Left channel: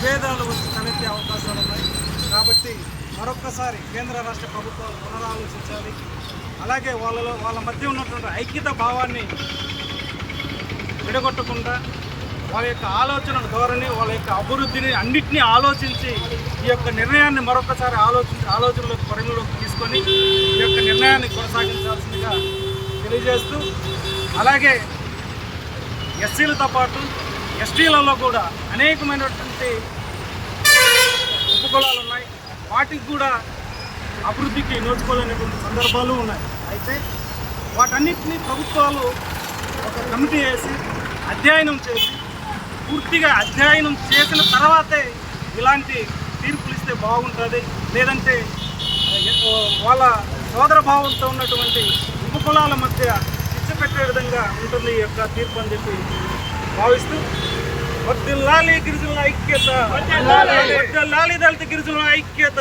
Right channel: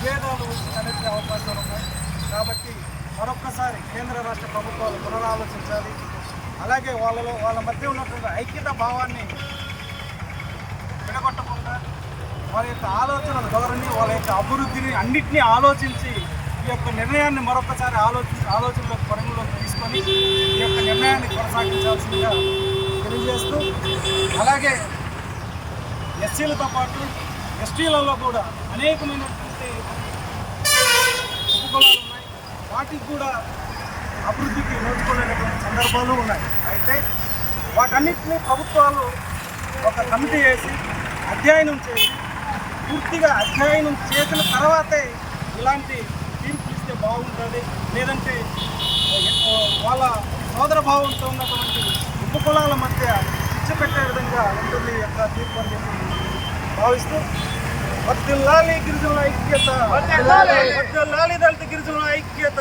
విభేదాలు తలెత్తే అవకాశాలు ఉన్నాయి. కాబట్టి మరొక్కసారి కేంద్ర రాష్ట్ర ప్రభుత్వాలు పునరాలోచించాలి. అలాగే వాళ్ళ మధ్య ఉన్నటువంటి ఐక్యత భావాన్ని విడగొట్టకుండా వాళ్ళ యొక్క ఆలోచన ధోరణి, వాళ్ళ యొక్క అభివృద్ధిని అన్నింటినీ ఆలోచించి ఈ యొక్క నిర్ణయాన్ని మరొకసారి ఆలోచనలోకి పరిగణలోకి తీసుకొని ఈ యొక్క నిర్ణయాన్ని కొనసాగించాల్సిందిగా తెలియజేస్తూ, అలాగే ఎస్సీలతో పాటు ఎస్టీలలో కూడా అనేకమైనటువంటి ఉపకులాలు ఉన్నాయి. వాటికి కూడా అభివృద్ధికి నోచుకోలేనటువంటి సందర్భాలు ఉన్నాయి. అయితే వాటన్నిటినీ ప్రభుత్వాలు ఒక కమిటీ వేసి అధ్యయనం చేసి పూర్తిగా అధ్యయనం చేసిన తర్వాతే ఇలాంటి తీర్పులు ఇస్తే బాగుంటుంది. లేదంటే వాళ్ళ సోదర భావంతో ఉన్నటువంటి ఉపకులాల మధ్య శిక్ష పెట్టే విధంగా ఉంటుంది ఈ యొక్క తీర్పు అని చెప్పి భావిస్తూ, వర్ధిల్లాలి గిరిజనుల ఐక్యత, వర్ధిల్లాలి దళిత గిరిజనుల ఐక్యత.